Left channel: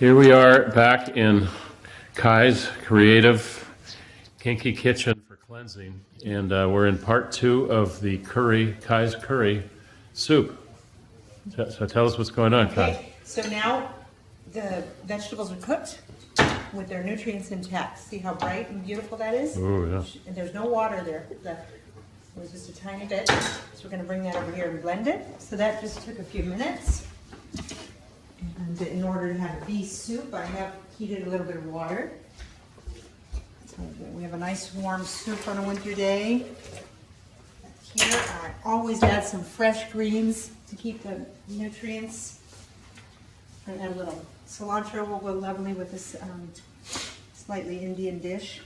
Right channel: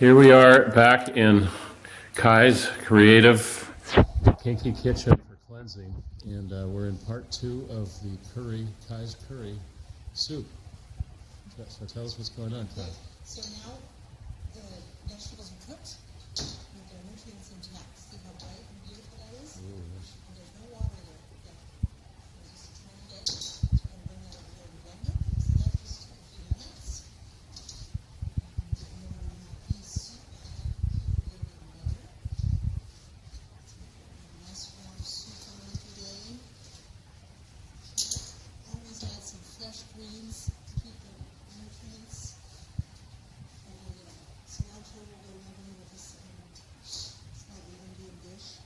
Here we are back in Kai's creative kinky kitchen for cleansing, and we're in part 2 of the Kai's curry soup. So tell us what's going on, Kai. Okay, so now the vegetables are cooked with their nutrients intact. See how bright and beautiful that is? Oh, yeah. And there's no water there. It was just a tiny bit. So we're going to bring that over here and blend it. So that just took a few minutes. And in order to have a beef soup, I have heated a little bit of water. So we have a nice warm soup on a winter day. Here, I always add some fresh greens to keep the nutrients. And add a little cilantro will go lovely with this slightly Indian dish.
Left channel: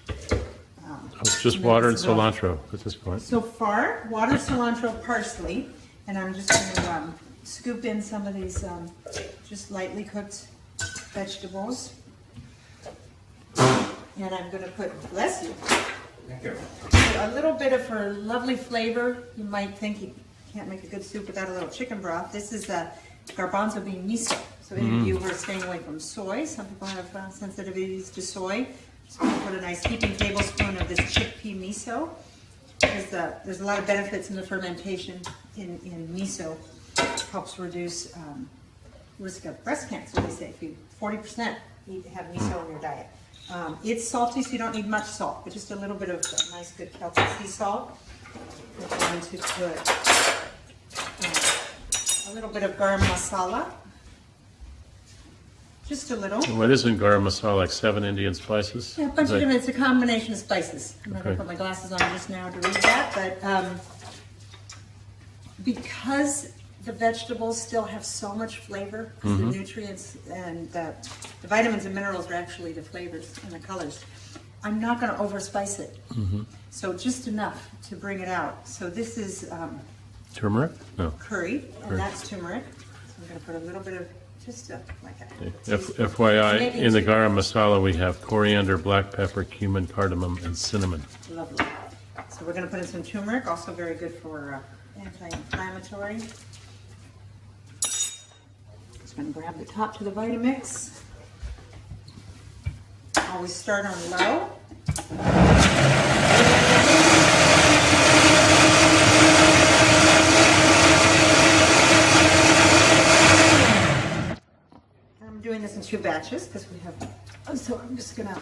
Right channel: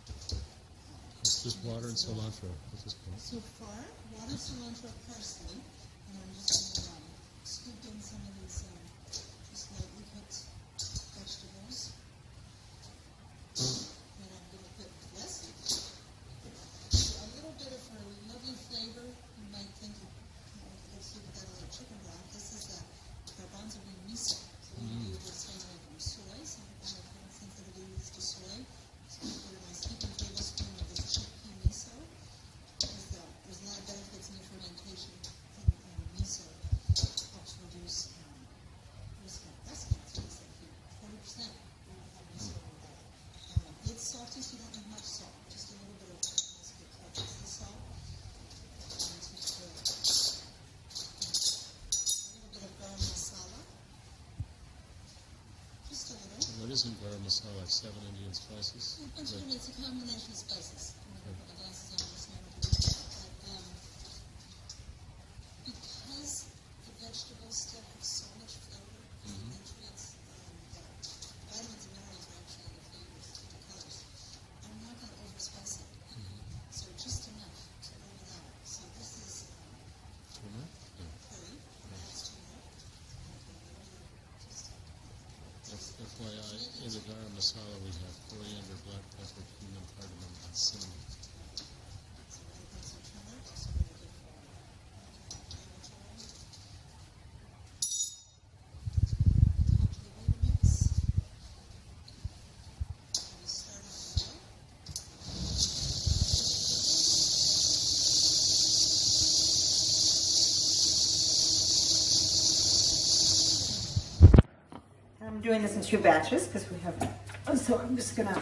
It's just water and cilantro at this point. So far, water, cilantro, parsley, and I'm just going to scoop in some of these just lightly cooked vegetables. And I'm going to put, bless you, a little bit of her lovely flavor. You might think you can't make a good soup without a little chicken broth. This is the garbanzo bean miso. So any of you who are staying away from soy, some people have sensitivities to soy. So I'm going to put a nice heaping tablespoon of this chickpea miso. There's a lot of benefits in the fermentation in miso. It helps reduce risk of breast cancer. They say if you 40% need to have miso in your diet. It's salty, so you don't need much salt, but just a little bit of nice, good Celtic sea salt. We're going to put a little bit of garam masala. Just a little. What isn't garam masala, like 7 Indian spices? Yeah, a bunch of different, it's a combination of spices. I'm not going to Okay. put my glasses on just now to read that, but because the vegetables still have so much flavor, because the nutrients and the vitamins and minerals are actually the flavors and the colors, I'm not going to overspice it. So just enough to bring it out. So this is Turmeric? No. curry, and Curry. that's turmeric. So I'm going to put a little bit of just like a FYI, Maybe in the two. garam masala we have coriander, black pepper, cumin, cardamom, and cinnamon. Lovely. So we're going to put in some turmeric, also very good for anti-inflammatory. Just going to grab the top to the Vitamix. Always start on low. I'm doing this in 2 batches because we have, so I'm just going to,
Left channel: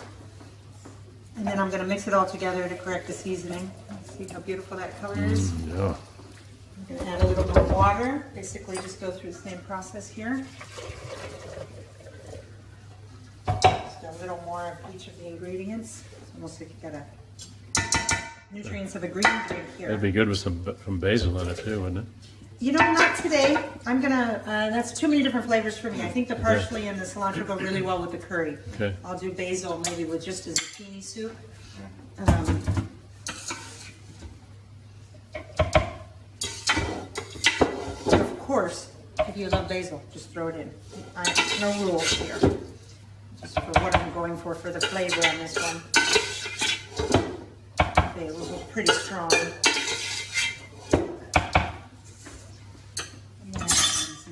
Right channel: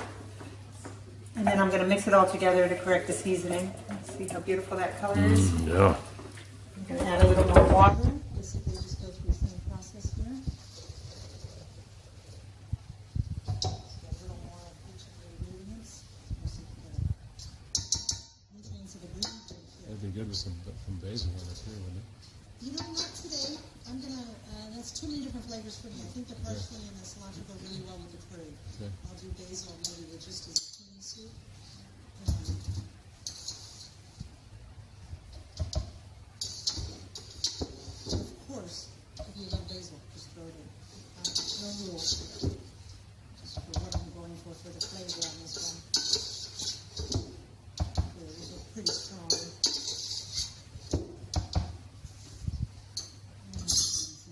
and then I'm going to mix it all together to correct the seasoning. See how beautiful that color is? Yeah. I'm going to add a little more water. Basically just go through the same process here. Just a little more of each of the ingredients. It's almost like you got a nutrients of a green drink here. That'd be good with some basil in it too, wouldn't it? You know, not today. I'm going to, that's too many different flavors for me. I think the parsley and the cilantro go really well with the curry. Okay. I'll do basil maybe with just a zucchini soup. Of course, if you love basil, just throw it in. No rules here. Just for what I'm going for the flavor on this one. Basil's pretty strong.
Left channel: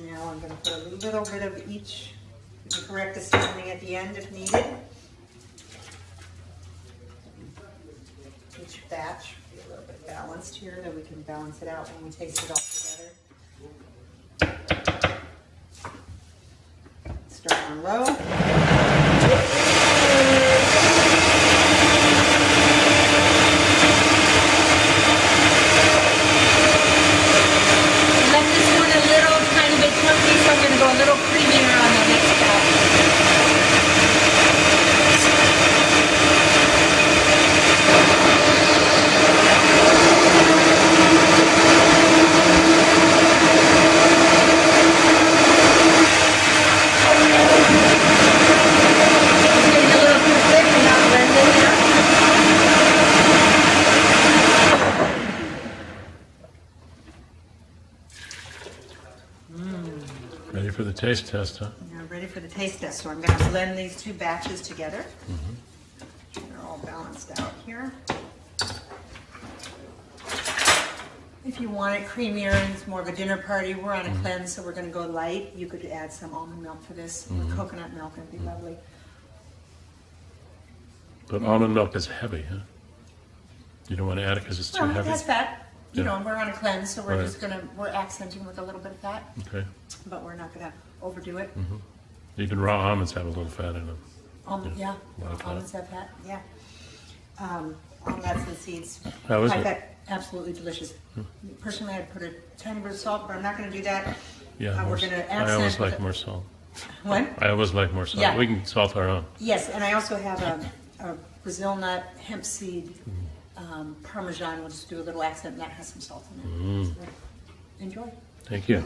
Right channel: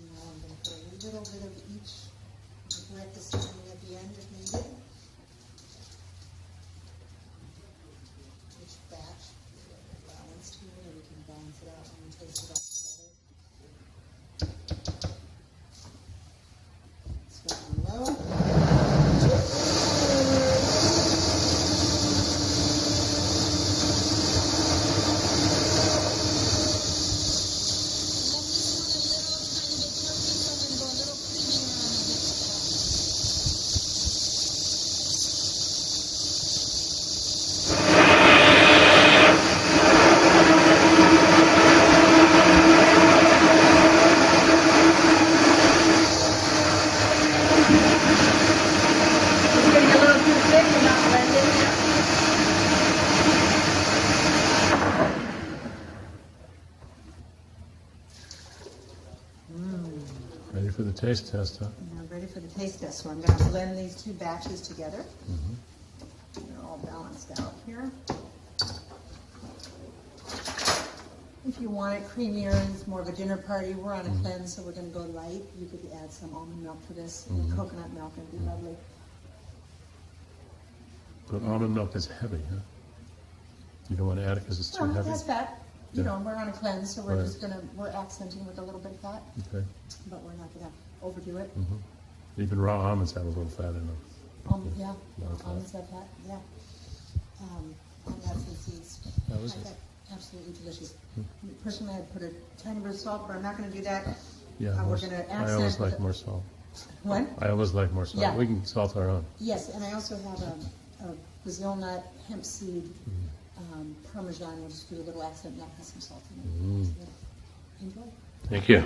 Now I'm going to put a little bit of each. You can correct the seasoning at the end if needed. Each batch be a little bit balanced here, that we can balance it out when we taste it all together. Start on low. Let this one a little tiny bit chunky, so I'm going to go a little creamier on the next batch. It's getting a little too thick and not blended here. Ready for the taste test, huh? Now ready for the taste test, so I'm going to blend these 2 batches together. They're all balanced out here. If you want it creamier, it's more of a dinner party. We're on a cleanse, so we're going to go light. You could add some almond milk to this, or coconut milk. It'd be lovely. But almond milk is heavy, huh? You don't want to add it because it's too Well, it heavy? has fat. You Yeah. know, we're on a cleanse, so we're Right. just we're accenting with a little bit of fat, Okay. but we're not gonna overdo it. Even raw almonds have a little fat in them. Yeah, a lot of fat. almonds have fat, yeah. All nuts and seeds. How is High it? fat, absolutely delicious. Personally, I'd put a tiny bit of salt, but I'm not gonna do that. Yeah, We're more gonna s- I always accent like with- more salt. What? I always like more salt. Yeah. We can salt our own. Yes, and I also have a Brazil nut, hemp seed, Parmesan. We'll just do a little accent, and that has some salt in it. So, enjoy. Thank you.